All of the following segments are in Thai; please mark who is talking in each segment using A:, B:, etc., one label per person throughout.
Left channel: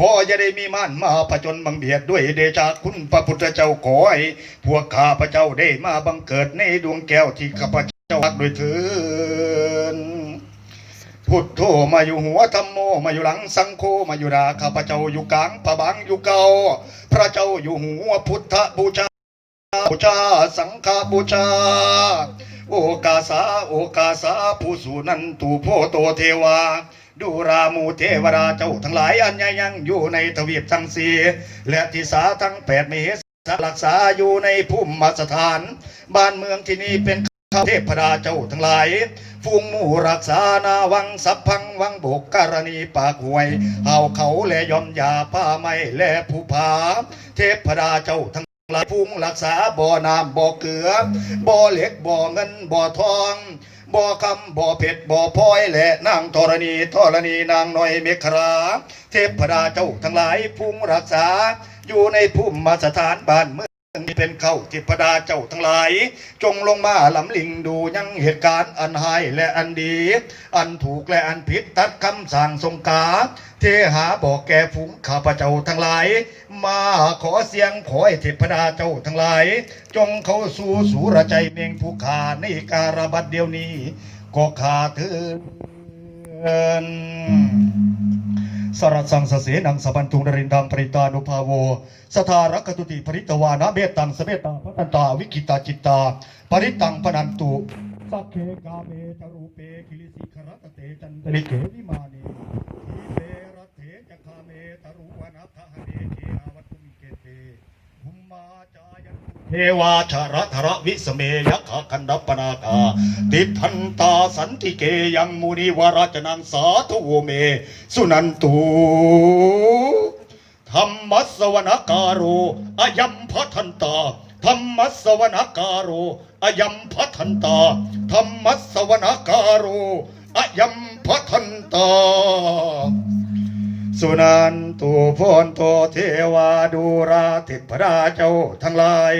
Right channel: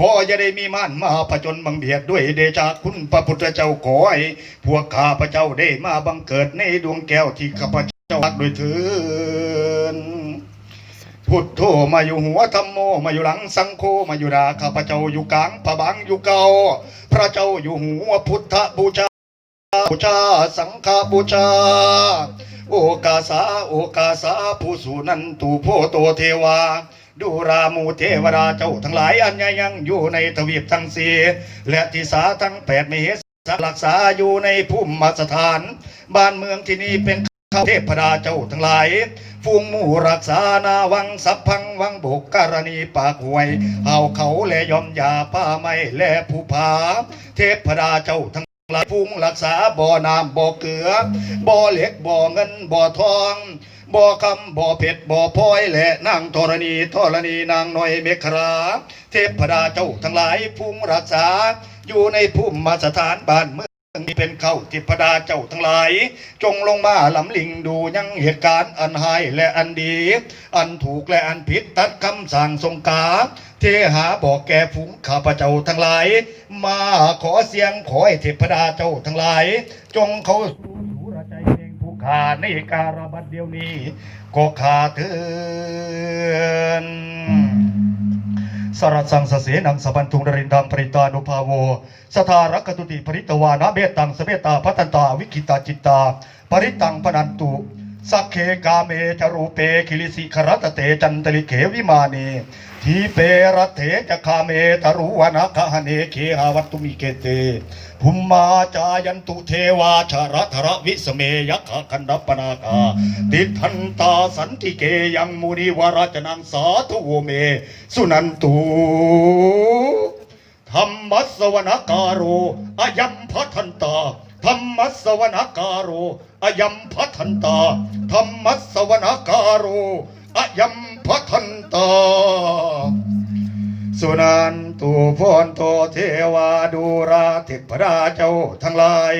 A: ขออย่าได้มีม่านมาผจญบังเบียดด้วยเดชาคุณพระพุทธเจ้าขอให้พวกข้าพระเจ้าได้มาบังเกิดในดวงแก้วที่ข้าพเจ้ารักด้วยเถินพุทโธมาอยู่หัวธรรมโมมาอยู่หลังสังโฆมาอยู่ดาข้าพเจ้าอยู่กลางพระบังอยู่เก่าพระเจ้าอยู่หัวพุทธบูชาบูชาสังฆบูชา โอกาสาโอกาสาผู้สูนันตูโพโตเทวา ดูรามูเทวราเจ้าทั้งหลายอันยังอยู่ในทวีปทั้งสี่และทิสาทั้งแปดมีสรักษาอยู่ในภูมิสถาน บ้านเมืองที่นี่เป็นข้าเทพดาเจ้าทั้งหลายฟูงมู่รักษานาวังสัพพังวังบกการณีปากหวยเฮาเขาและยอมยาป้าไม้และผู้ผา เทพดาเจ้าทั้ง หลายพุงรักษาบ่อน้ำบ่อเกลือบ่อเหล็กบ่อเงินบ่อทองบ่อคำบ่อเผ็ดบ่อพลอยและนางธรณีธรณีนางน้อยเมฆราเทพดาเจ้าทั้งหลายพุงรักษาอยู่ในภูมิมาสถานบ้านเมือง นี้เป็นเข้าเทพดาเจ้าทั้งหลาย จงลงมาลำลิงดูยังเหตุการณ์อันหายและอันดี อันถูกและอันผิดตัดคำสั่งทรงกาเทหาบอกแก่ฝูงข้าพเจ้าทั้งหลาย มาขอเสียงขอให้เทพดาเจ้าทั้งหลาย จงเข้าสู่สูรใจเมงผู้ขาในการบัดเดียวนี้ก็ขาเถิน สระสังสเสนังสบันทุงนรินดังปริตานุภาโว สทารักตุติปริตวานะเบตังสเบตาพัตันตาวิกิตาจิตตา ปริตังพนันตุ สักเคกาเมจรูเปคิลิสิครัตเตจันตลิเขวิมานีทีเปรตเถจคาเมตรุวนาคหเนเคหาวัตตุมิเกเตภุมมาจายันตุเทวาชาระธรวิสเมยะขะคันดปนาคาติทันตาสันติเกยังมุนิวราจนังสาธุโวเม สุนันตุธรรมสวนการโรอายัมพัทันตา ธรรมสวนการโรอายัมพัทันตาธรรมสวนการโรอายัมพัทันตาสุนันตุพนโตเทวาดูราเทพราเจ้าทั้งหลาย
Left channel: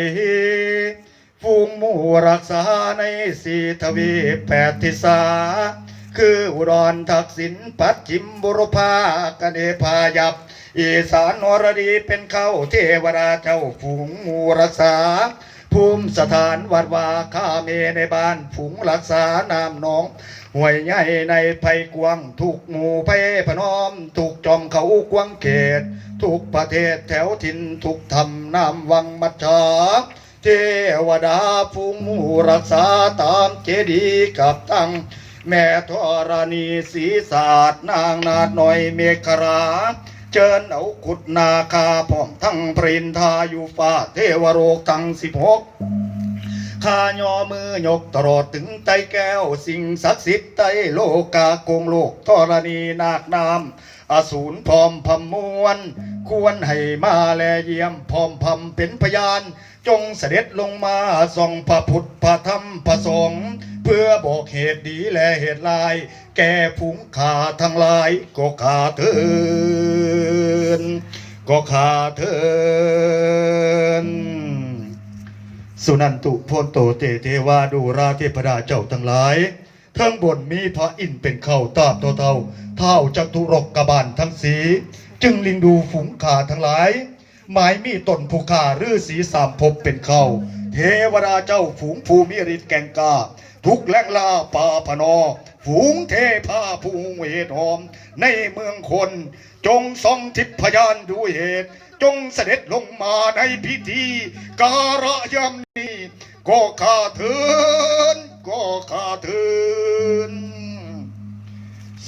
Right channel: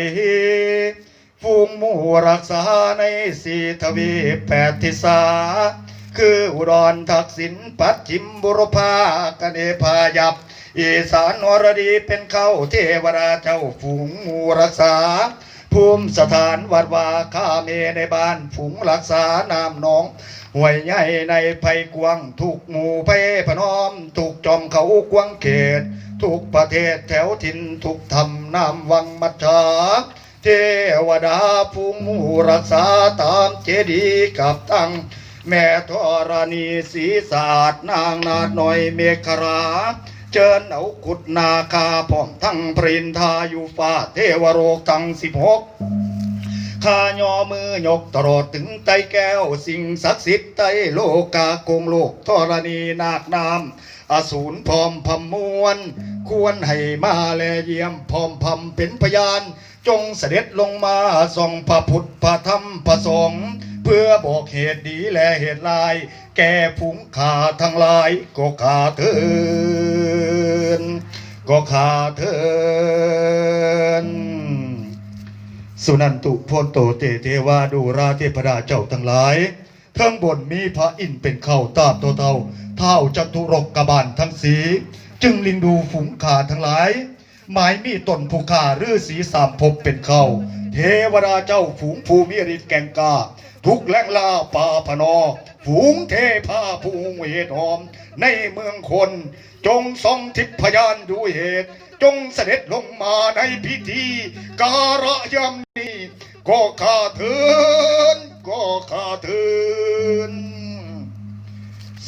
A: ฟูงมู่รักษาในสีทวีแปดทิศาคืออุดรทักษิณปัจจิมบุรพากเนพายับ อีสานนรดีเป็นเข้าเทวดาเจ้าฝูงมูรักษาภูมิสถานวัดวาข้าเมในบ้านฝูงรักษานามน้องห่วยใหญ่ในภัยกวางถูกหมู่เพพนอมถูกจอมเขากวางเขตทุกประเทศแถวถิ่นทุกธรรมนามวังมัจฉาเทวดาภูมูรักษาตามเจดีย์กับตั้ง แม่ธรณีศีศาสตร์นางนาดหน่อยเมฆรา เจิญเอากุดนาคาพร้อมทั้งปรินทาอยู่ฟ้าเทวโรกทั้งสิบหกข้ายอมือยกตลอดถึงใจแก้ว สิ่งศักดิ์สิทธิ์ใต้โลกาโกงโลกธรณีนาคนามอสูรพร้อมพมวลควรให้มาแลเยี่ยมพร้อมพำเป็นพยาน จงเสด็จลงมาส่องพระพุทธพระธรรมพระสงฆ์ พื่อบอกเหตุดีและเหตุลาย แก่ผุงขาทั้งหลาย ก็ขาเถินก็ขาเถินสุนันตุโพนโตเตเทวาดูราเทพดาเจ้าทั้งหลายทั้งบนมีพระอินเป็นเข้าตาบเท่าเท่าเท่าจัตุรกกบาลทั้งสี จึงลิงดูฝูงขาทั้งหลาย หมายมีตนผู้ขาฤาษีสามภพเป็นเข้า เทวดาเจ้าฝูงภูมิฤทธิ์แกงกาทุกแหลงลาป่าพนอ ฝูงเทพาภูงเวทหอม ในเมืองคน จงทรงทิพยานดูเหตุ จงเสด็จลงมาในพิธี การะยำนี้ก็ข้าเถอ